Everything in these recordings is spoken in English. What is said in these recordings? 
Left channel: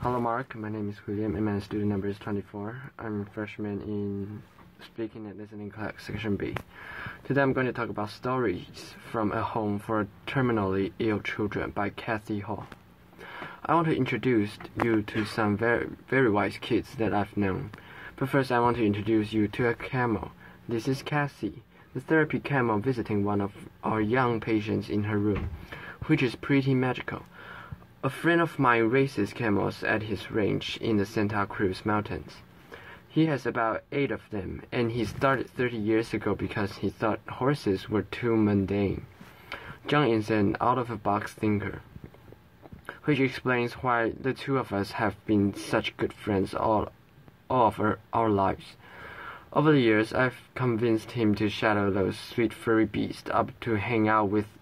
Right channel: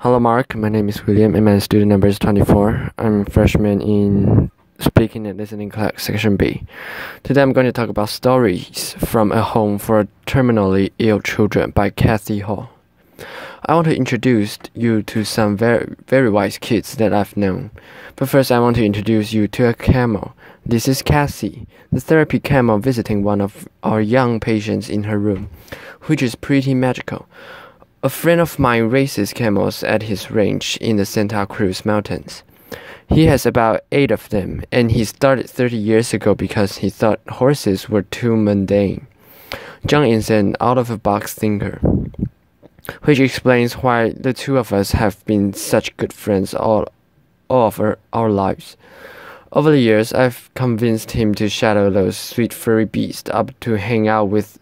Hello, Mark. My name is William, and my student number is 24. I'm a freshman in Speaking and Listening class, Section B. Today, I'm going to talk about Stories from a Home for Terminally Ill Children by Kathy Hall. I want to introduce you to some very wise kids that I've known. But first, I want to introduce you to a camel. This is Cassie, the therapy camel visiting one of our young patients in her room, which is pretty magical. A friend of mine raises camels at his ranch in the Santa Cruz Mountains. He has about 8 of them, and he started 30 years ago because he thought horses were too mundane. John is an out-of-the-box thinker, which explains why the two of us have been such good friends all of our lives. Over the years, I've convinced him to shadow those sweet furry beasts up to hang out with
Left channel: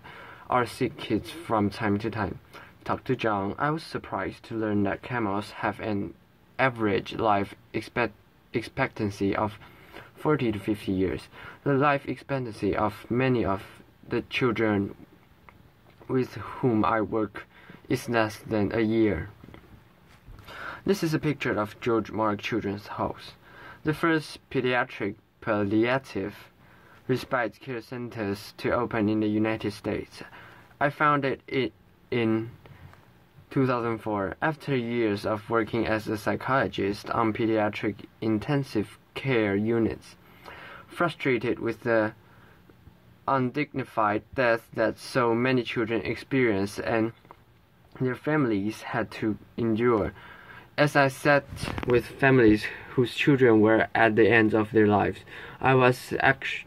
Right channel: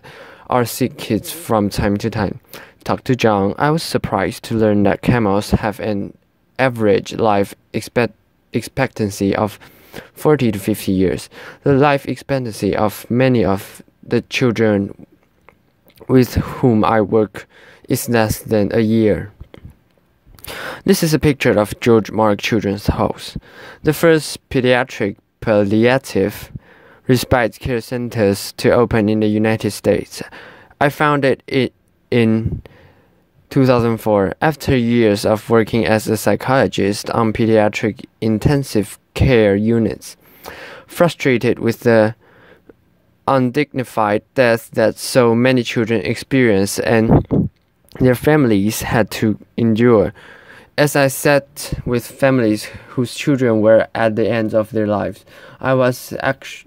our sick kids from time to time. Talk to John, I was surprised to learn that camels have an average life expectancy of 40 to 50 years. The life expectancy of many of the children with whom I work is less than a year. This is a picture of George Mark Children's House, the first pediatric palliative respite care centers to open in the United States. I founded it in 2004, after years of working as a psychologist on pediatric intensive care units. Frustrated with the undignified death that so many children experience and their families had to endure, as I sat with families whose children were at the end of their lives, I was actually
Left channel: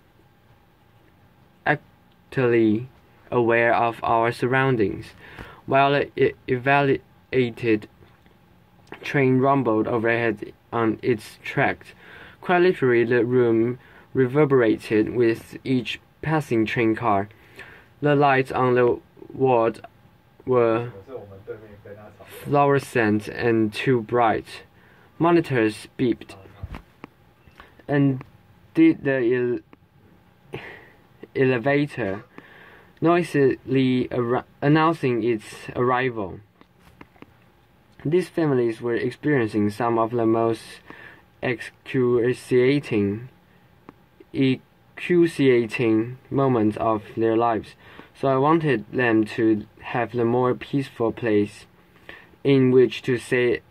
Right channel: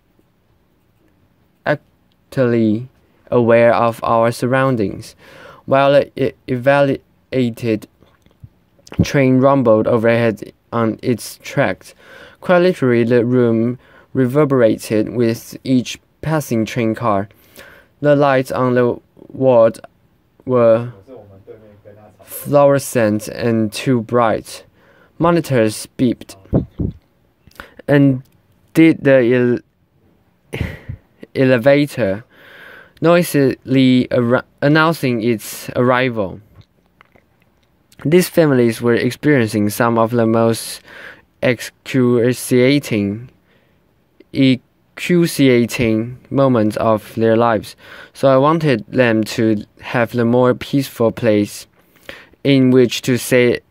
aware of our surroundings. While an evaluated train rumbled overhead on its tracks, quite literally the room reverberated with each passing train car. The lights on the wall were fluorescent and too bright. Monitors beeped, and did the elevator noisily announcing its arrival. These families were experiencing some of the most excruciating moments of their lives, so I wanted them to have the more peaceful place in which to say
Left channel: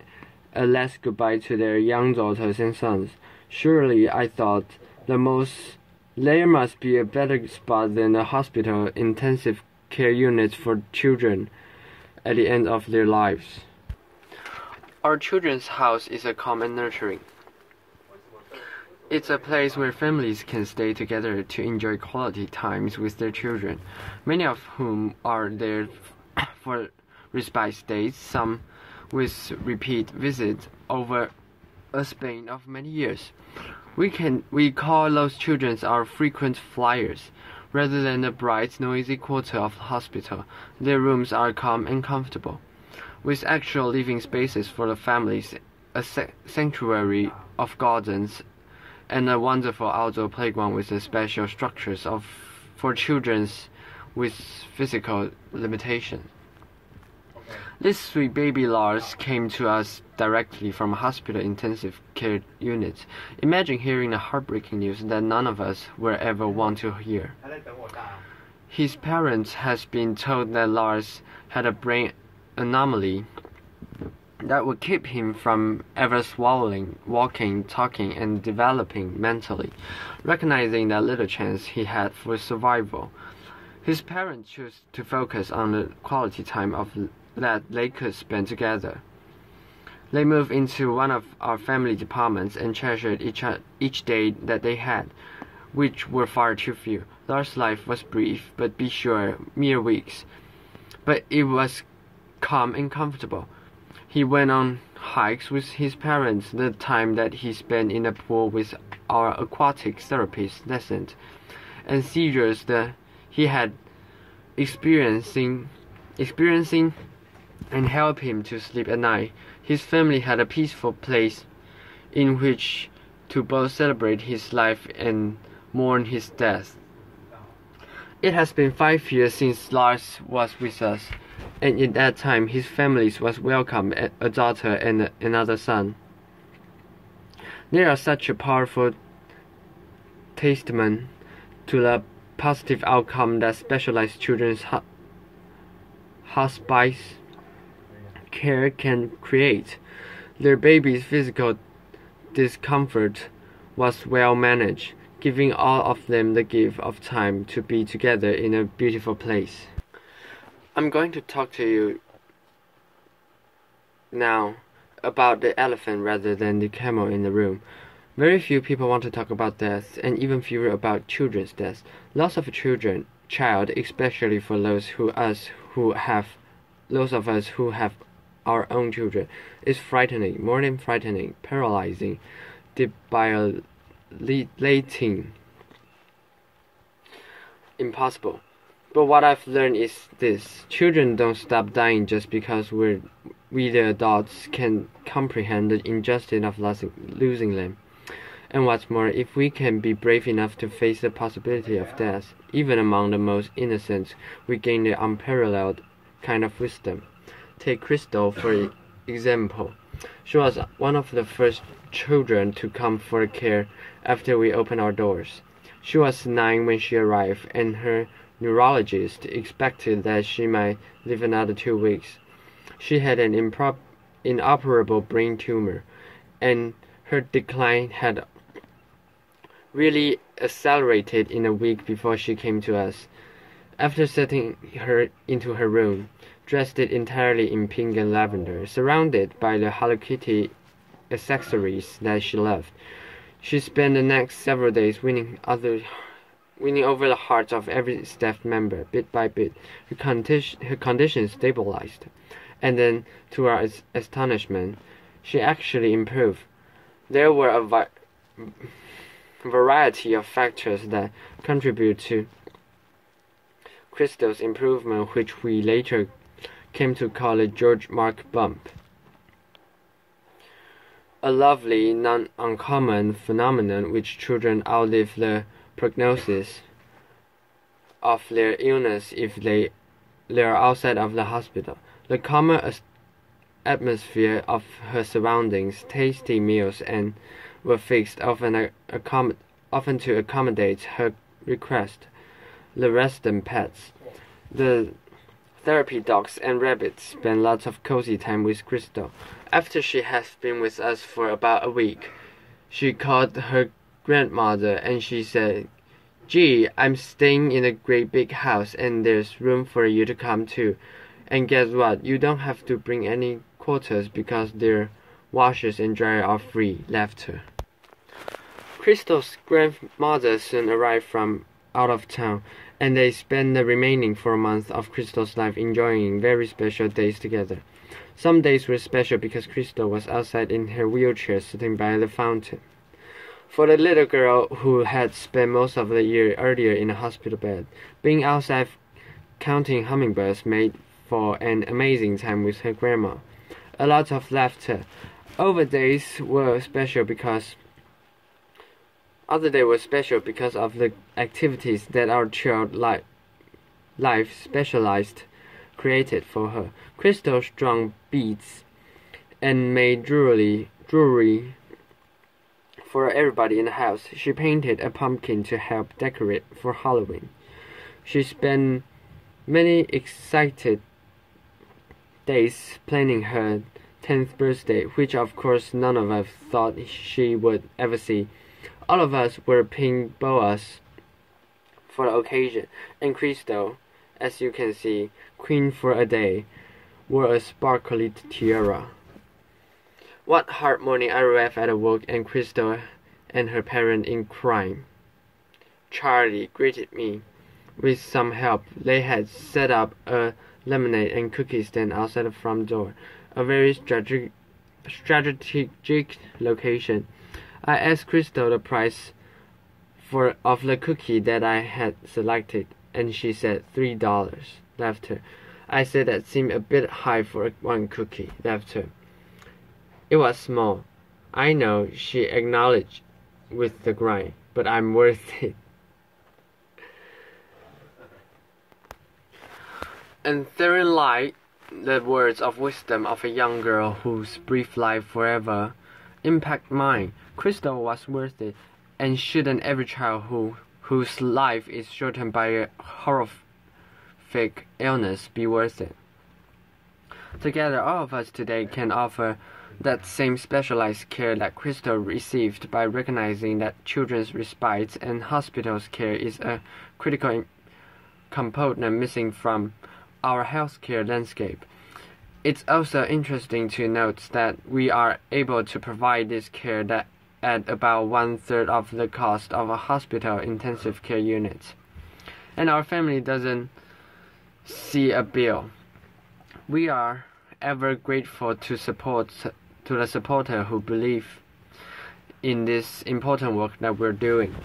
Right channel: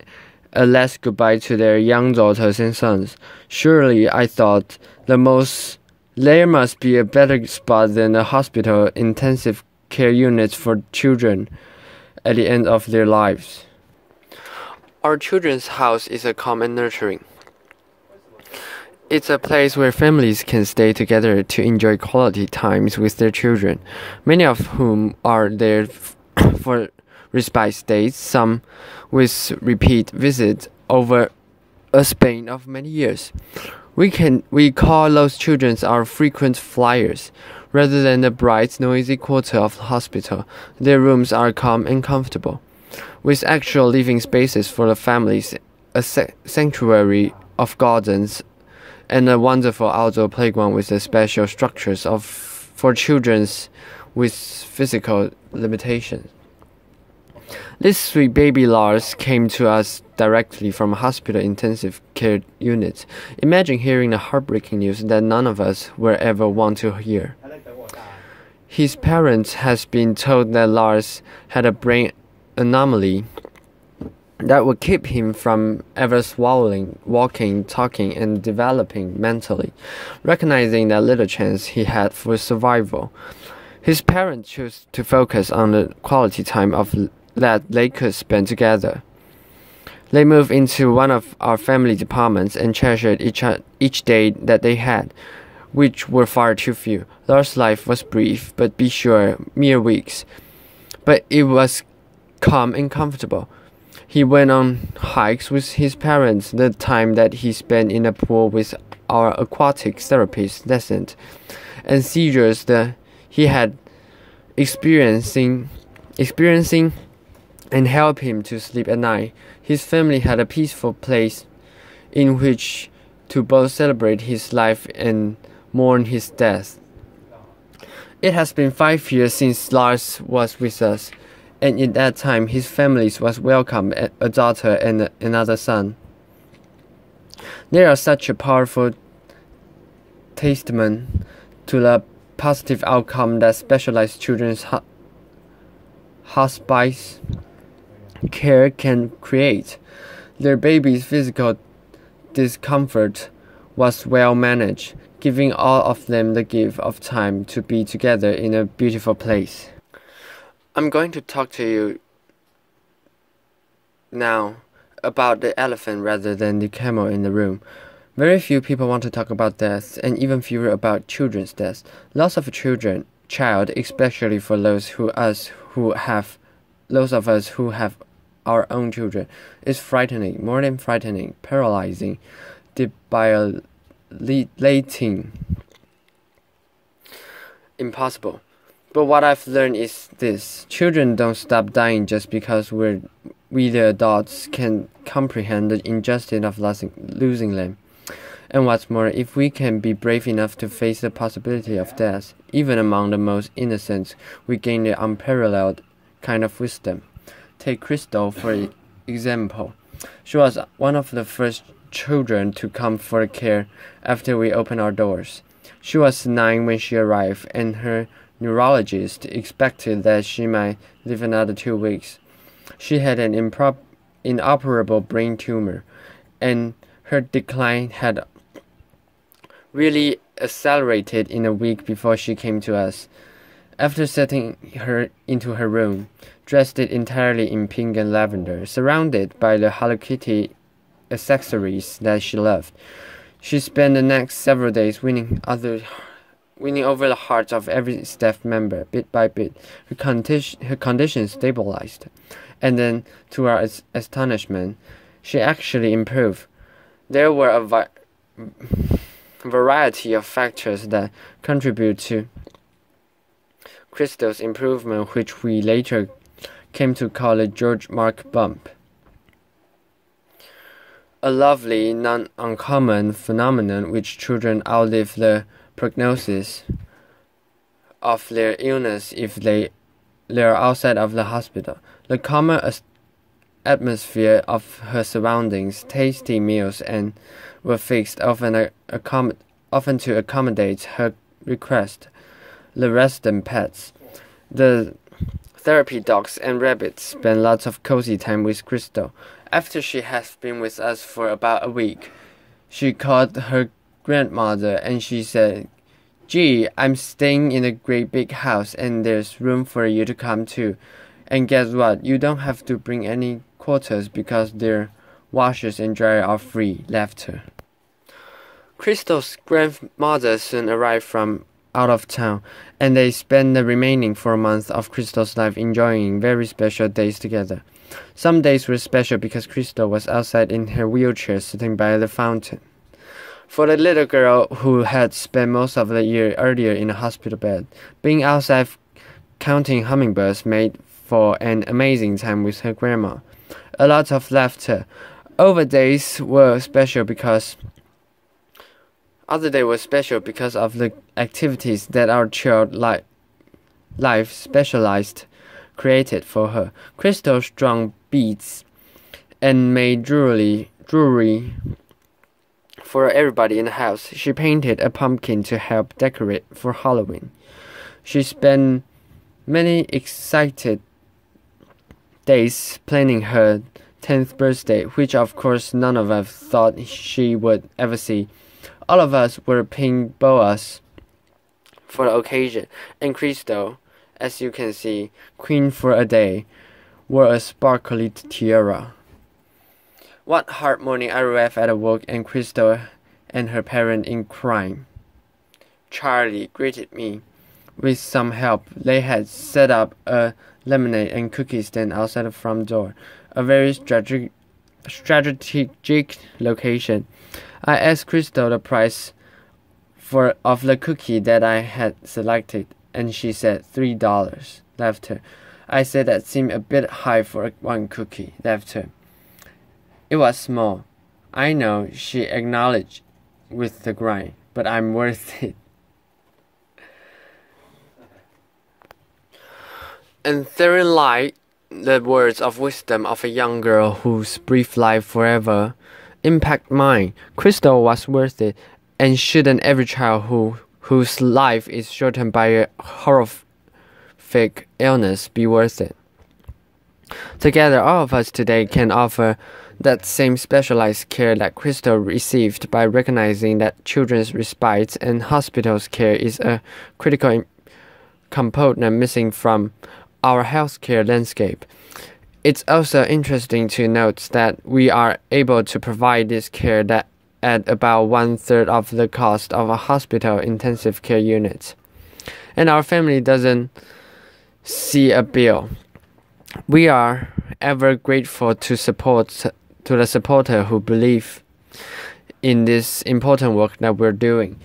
a last goodbye to their young daughters and sons. Surely, I thought, there must be a better spot than a hospital intensive care unit for children at the end of their lives. Our children's house is a calm and nurturing. It's a place where families can stay together to enjoy quality times with their children, many of whom are there for respite stays, some with repeat visits over a span of many years. We call those children our frequent flyers. Rather than the bright, noisy quarter of the hospital, their rooms are calm and comfortable, with actual living spaces for the families, a sanctuary of gardens, and a wonderful outdoor playground with the special structures for children with physical limitations. This sweet baby Lars came to us directly from a hospital intensive care unit. Imagine hearing the heartbreaking news that none of us will ever want to hear. His parents has been told that Lars had a brain anomaly that would keep him from ever swallowing, walking, talking, and developing mentally, recognizing that little chance he had for survival. His parents chose to focus on the quality time that they could spend together. They moved into one of our family departments and treasured each day that they had, which were far too few. Lars' life was brief, but be sure, mere weeks. But it was calm and comfortable. He went on hikes with his parents, the time that he spent in a pool with our aquatic therapist lessened, and seizures that he had experiencing and help him to sleep at night. His family had a peaceful place in which to both celebrate his life and mourn his death. It has been 5 years since Lars was with us. and in that time his family was welcomed a daughter and another son. They are such a powerful testament to the positive outcome that specialized children's hospice care can create. Their baby's physical discomfort was well managed, giving all of them the gift of time to be together in a beautiful place. I'm going to talk to you now about the elephant rather than the camel in the room. Very few people want to talk about death, and even fewer about children's death. Loss of a child, especially for those of us who have our own children, is frightening, more than frightening, paralyzing, debilitating, impossible. But what I've learned is this: children don't stop dying just because we the adults can comprehend the injustice of losing them. And what's more, if we can be brave enough to face the possibility of death, even among the most innocent, we gain the unparalleled kind of wisdom. Take Crystal for example. She was one of the first children to come for care after we opened our doors. She was 9 when she arrived, and her neurologist expected that she might live another 2 weeks. She had an inoperable brain tumor, and her decline had really accelerated in a week before she came to us. After setting her into her room, dressed entirely in pink and lavender, surrounded by the Hello Kitty accessories that she loved, she spent the next several days winning over the hearts of every staff member. Bit by bit, her condition stabilized, and then, to our astonishment, she actually improved. There were a variety of factors that contribute to Crystal's improvement, which we later came to call the George Mark bump. A lovely, non-uncommon phenomenon which children outlive the prognosis of their illness if they are outside of the hospital. The calmer atmosphere of her surroundings, tasty meals, and were fixed often to accommodate her request. The resident pets, the therapy dogs and rabbits, spent lots of cozy time with Crystal. After she has been with us for about a week, she called her grandmother and she said, "Gee, I'm staying in a great big house and there's room for you to come too. And guess what? You don't have to bring any quarters because their washers and dryer are free." Laughter. Crystal's grandmother soon arrived from out of town, and they spent the remaining 4 months of Crystal's life enjoying very special days together. Some days were special because Crystal was outside in her wheelchair sitting by the fountain. For the little girl who had spent most of the year earlier in a hospital bed, being outside counting hummingbirds made for an amazing time with her grandma. A lot of laughter. Other days were special because of the activities that our child life specialized created for her. Crystal strung beads and made jewelry for everybody in the house. She painted a pumpkin to help decorate for Halloween. She spent many excited days planning her 10th birthday, which of course none of us thought she would ever see. All of us were pink boas for the occasion, and Crystal, as you can see, queen for a day, wore a sparkly tiara. One hard morning I arrived at work and Crystal and her parent in crime. Charlie greeted me. With some help, they had set up a lemonade and cookie stand outside the front door, a very strategic location. I asked Crystal the price of the cookie that I had selected, and she said $3. Laughter. I said that seemed a bit high for one cookie. Laughter. It was small. I know, she acknowledged with the grind, but I'm worth it. And therein lied the words of wisdom of a young girl whose brief life forever impact mine. Crystal was worth it, and shouldn't every child whose life is shortened by a horrific illness be worth it? Together, all of us today can offer that same specialized care that Crystal received by recognizing that children's respite and hospitals care is a critical component missing from our healthcare landscape. It's also interesting to note that we are able to provide this care at about 1/3 of the cost of a hospital intensive care unit, and our family doesn't see a bill. We are ever grateful to the supporter who believe in this important work that we're doing.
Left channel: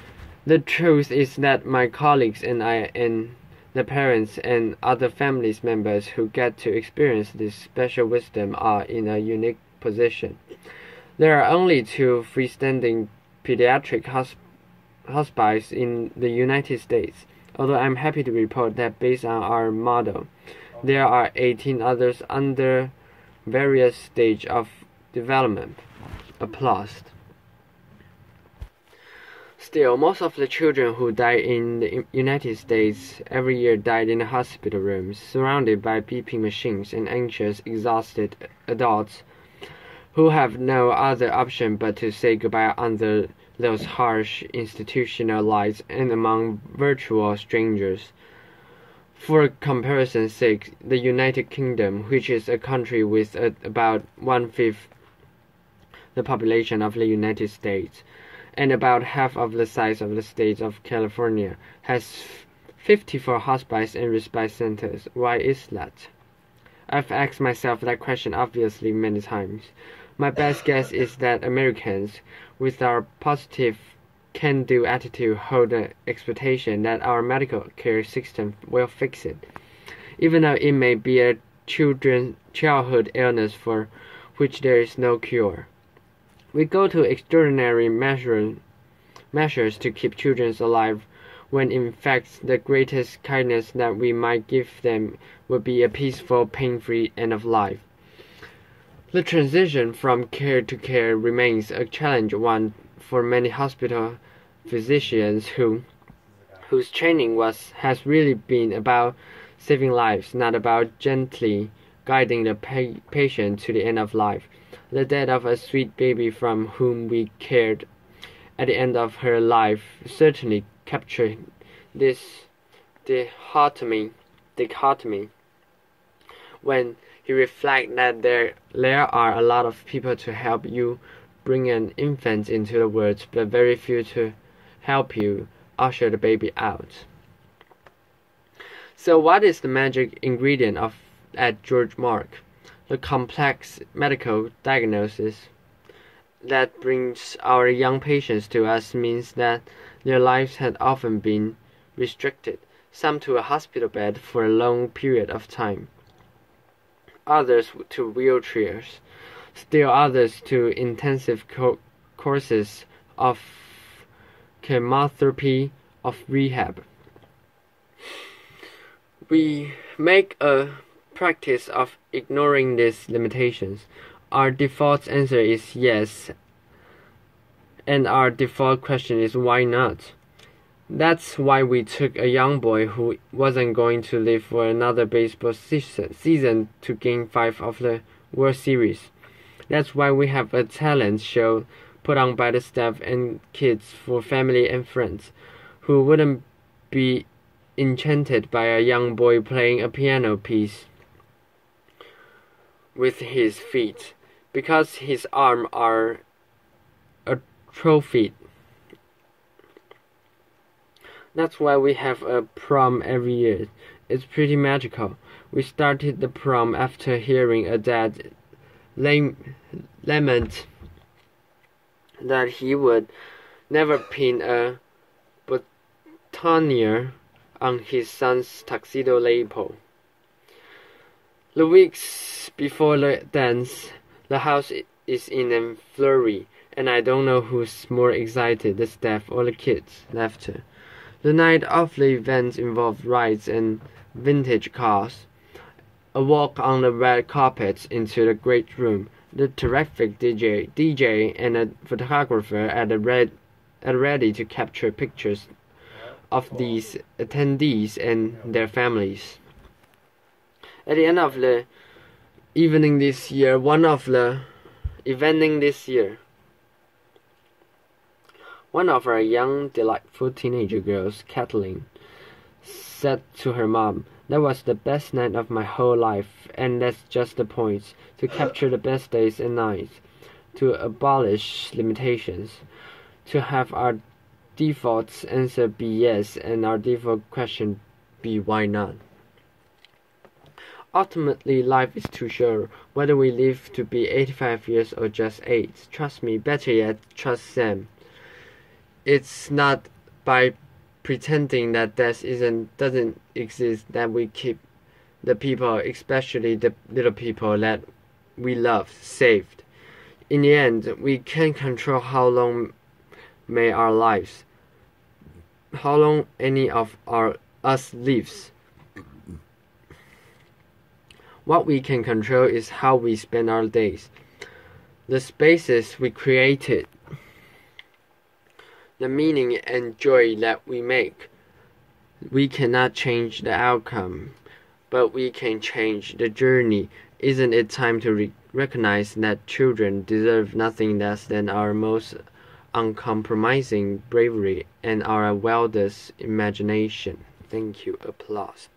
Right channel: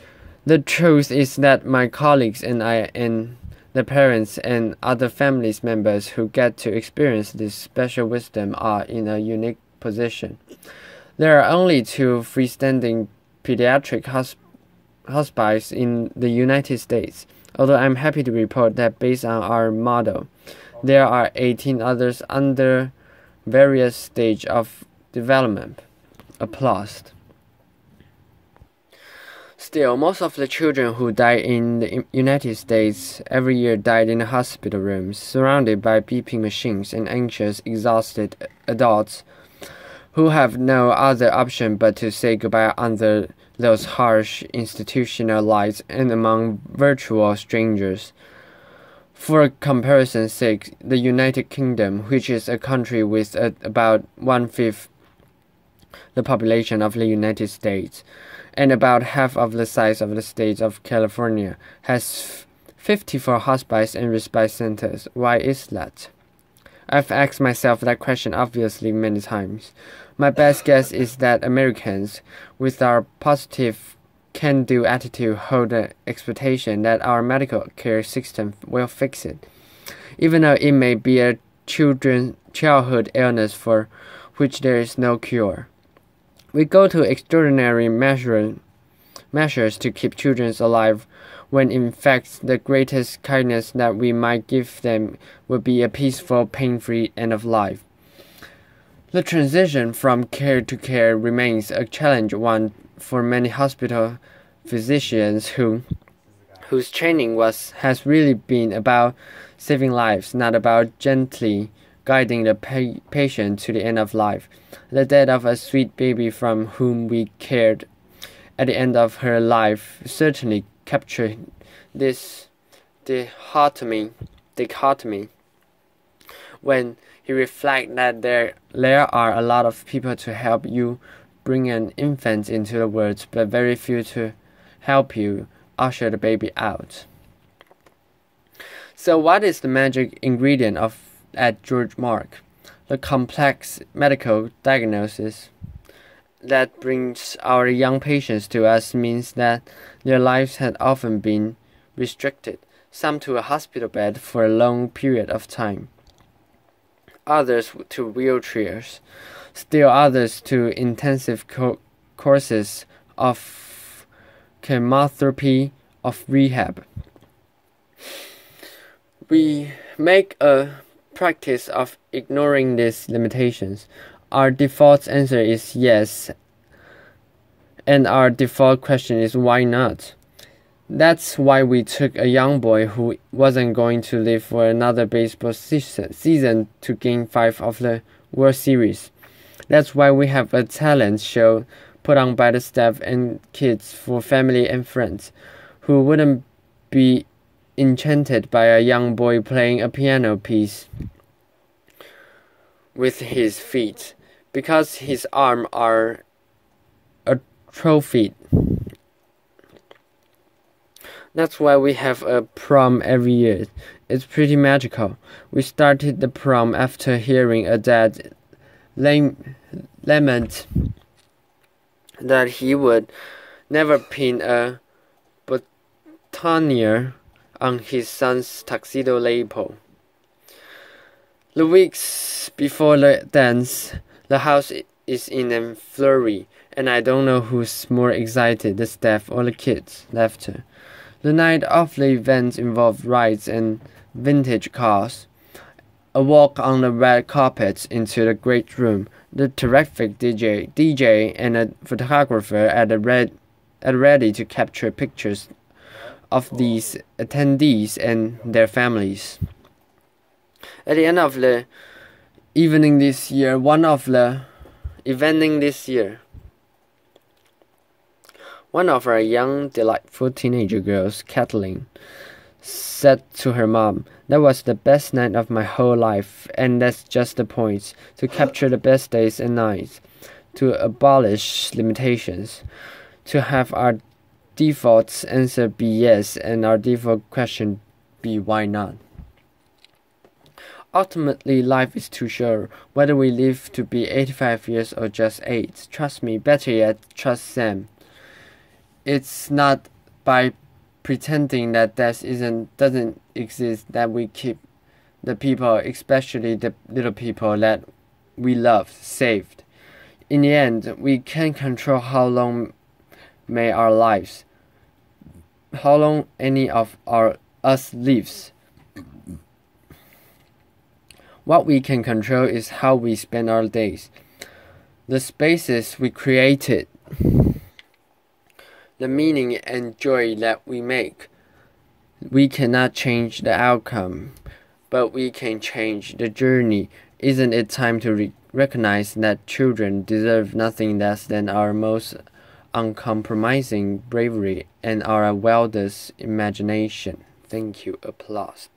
The truth is that my colleagues and I and the parents and other family members who get to experience this special wisdom are in a unique position. There are only 2 freestanding pediatric hospices in the United States, although I'm happy to report that based on our model, there are 18 others under various stages of development. Applause. Still, most of the children who die in the United States every year died in hospital rooms, surrounded by beeping machines and anxious, exhausted adults who have no other option but to say goodbye under those harsh institutional lights and among virtual strangers. For comparison's sake, the United Kingdom, which is a country with about 1/5 the population of the United States, and about half of the size of the state of California, has 54 hospices and respite centers. Why is that? I've asked myself that question obviously many times. My best guess is that Americans, with our positive can-do attitude, hold the expectation that our medical care system will fix it, even though it may be a childhood illness for which there is no cure. We go to extraordinary measures to keep children alive, when in fact the greatest kindness that we might give them would be a peaceful, pain-free end of life. The transition from care to care remains a challenge one for many hospital physicians whose training has really been about saving lives, not about gently guiding the patient to the end of life. The death of a sweet baby from whom we cared at the end of her life certainly captured this dichotomy when he reflects that there are a lot of people to help you bring an infant into the world, but very few to help you usher the baby out. So what is the magic ingredient at George Mark? The complex medical diagnosis that brings our young patients to us means that their lives had often been restricted, some to a hospital bed for a long period of time, others to wheelchairs, still others to intensive courses of chemotherapy, of rehab. We make a practice of ignoring these limitations. Our default answer is yes, and our default question is why not? That's why we took a young boy who wasn't going to live for another baseball season to Game 5 of the World Series. That's why we have a talent show put on by the staff and kids for family and friends who wouldn't be enchanted by a young boy playing a piano piece with his feet, because his arms are atrophied. That's why we have a prom every year. It's pretty magical. We started the prom after hearing a dad lament that he would never pin a boutonniere on his son's tuxedo lapel. The weeks before the dance, the house is in a flurry, and I don't know who's more excited, the staff or the kids. Laughter. The night of the event involved rides and vintage cars, A walk on the red carpet into the great room. The terrific DJ and a photographer at ready to capture pictures of these attendees and their families. At the end of the evening this year, one of our young, delightful teenager girls, Kathleen, said to her mom, "That was the best night of my whole life, and that's just the point, to capture the best days and nights, to abolish limitations, to have our default answer be yes and our default question be why not." Ultimately, life is too short, whether we live to be 85 years or just 8. Trust me, better yet, trust Sam. It's not by pretending that death doesn't exist that we keep the people, especially the little people that we love, saved. In the end, we can't control how long any of us lives. What we can control is how we spend our days, the spaces we created, the meaning and joy that we make. We cannot change the outcome, but we can change the journey. Isn't it time to recognize that children deserve nothing less than our most uncompromising bravery and our wildest imagination? Thank you. Applause.